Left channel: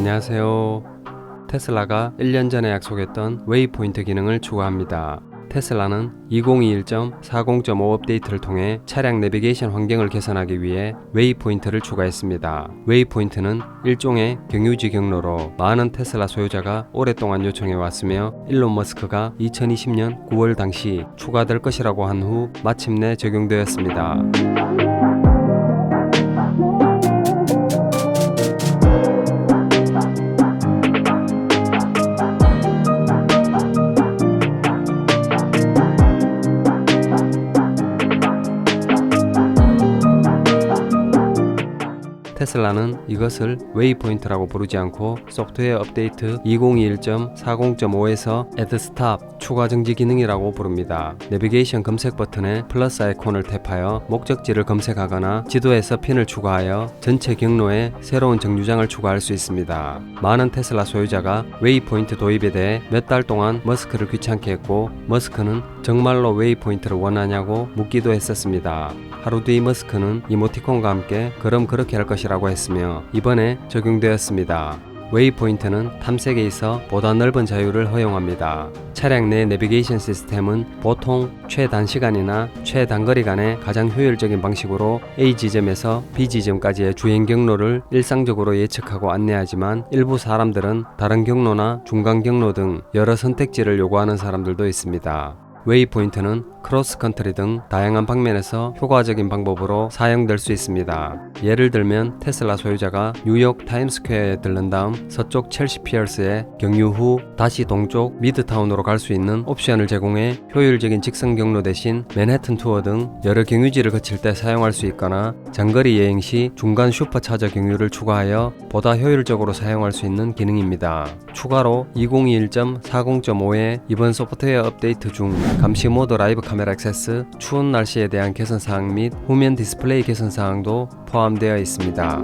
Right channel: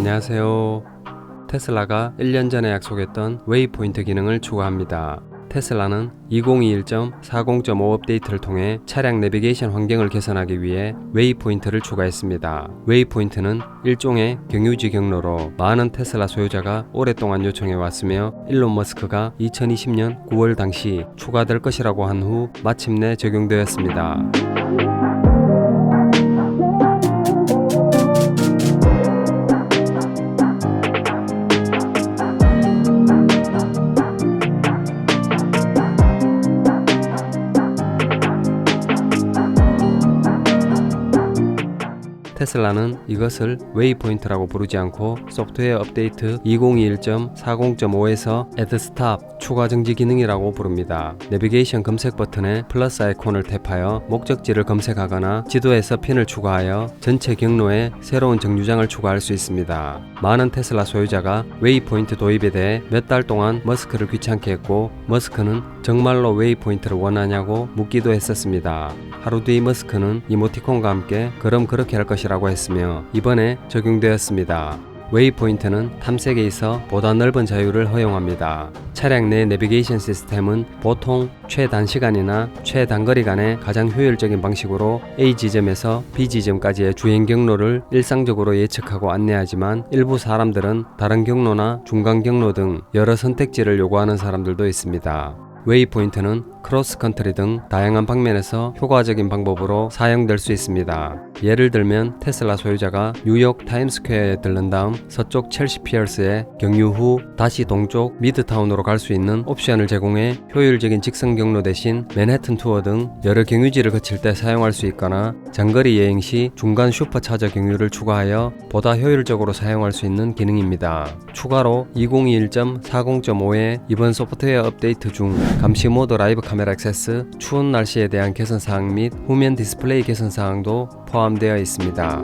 안녕하세요. 테슬라가 1년 전에 약속했던 웨이포인트 기능을 추가합니다. 테슬라는 2021.40.5 업데이트를 통해 차량 내비게이션 환경을 개선하기 위해 웨이포인트를 추가했습니다. 웨이포인트는 일종의 경유지 경로로 많은 테슬라 소유자가 오랫동안 요청해 왔으며 일론 머스크가 2020년 9월 당시 추가될 것이라고 한 후 마침내 적용되었습니다. 테슬라는 이것을 웨이포인트라고 부르지 않고 소프트웨어 업데이트 2021.40.5에서 Add Stop 추가 정지 기능이라고 부릅니다. 내비게이션 검색 버튼에 플러스 아이콘을 탭하여 목적지를 검색하거나 지도에서 핀을 추가하여 전체 경로에 새로운 정류장을 추가할 수 있습니다. 많은 테슬라 소유자가 웨이포인트 도입에 대해 몇 달 동안 머스크를 귀찮게 했고 머스크는 정말로 웨이포인트를 원하냐고 묻기도 했었습니다. 하루 뒤 머스크는 이모티콘과 함께 그럼 그렇게 할 것이라 고 했으며 이번에 적용되었습니다. 웨이포인트는 탐색에 있어 보다 넓은 자유를 허용합니다. 차량 내 내비게이션 시스템은 보통 최단시간이나 최단거리 간의 가장 효율적인 방식으로 A 지점에서 B 지점까지의 주행 경로를 일상적으로 예측하고 안내하지만 일부 사람들은 다른 경로나 중간 경로 등 여러 선택지를 요구하는 사람들도 있습니다. 웨이포인트는 크로스컨트리 등 다양한 방면에서 효과적인 방법으로 사용될 수 있습니다. 예를 들면 테슬라 소유자가 뉴욕 타임스퀘어에 들른 다음 서쪽 첼시 피어스에 경유 후 다시 동쪽 미드타운으로 갈 수 있는 옵션을 제공해 효율적인 직선 경로 대신 맨해튼 투어 등 여러 경유지를 거칠 때 사용할 수 있거나 장거리 여행 시 중간 슈퍼차저 경유를 추가하여 보다 효율적으로 사용할 수 있는 기능입니다. 추가로 2021.40.5의 이번 소프트웨어 업데이트 중 감시 모드 라이브 카메라 액세스, 추운 날씨에 대한 개선 사항 및 후면 디스플레이 개선 사항도 포함되어 있습니다.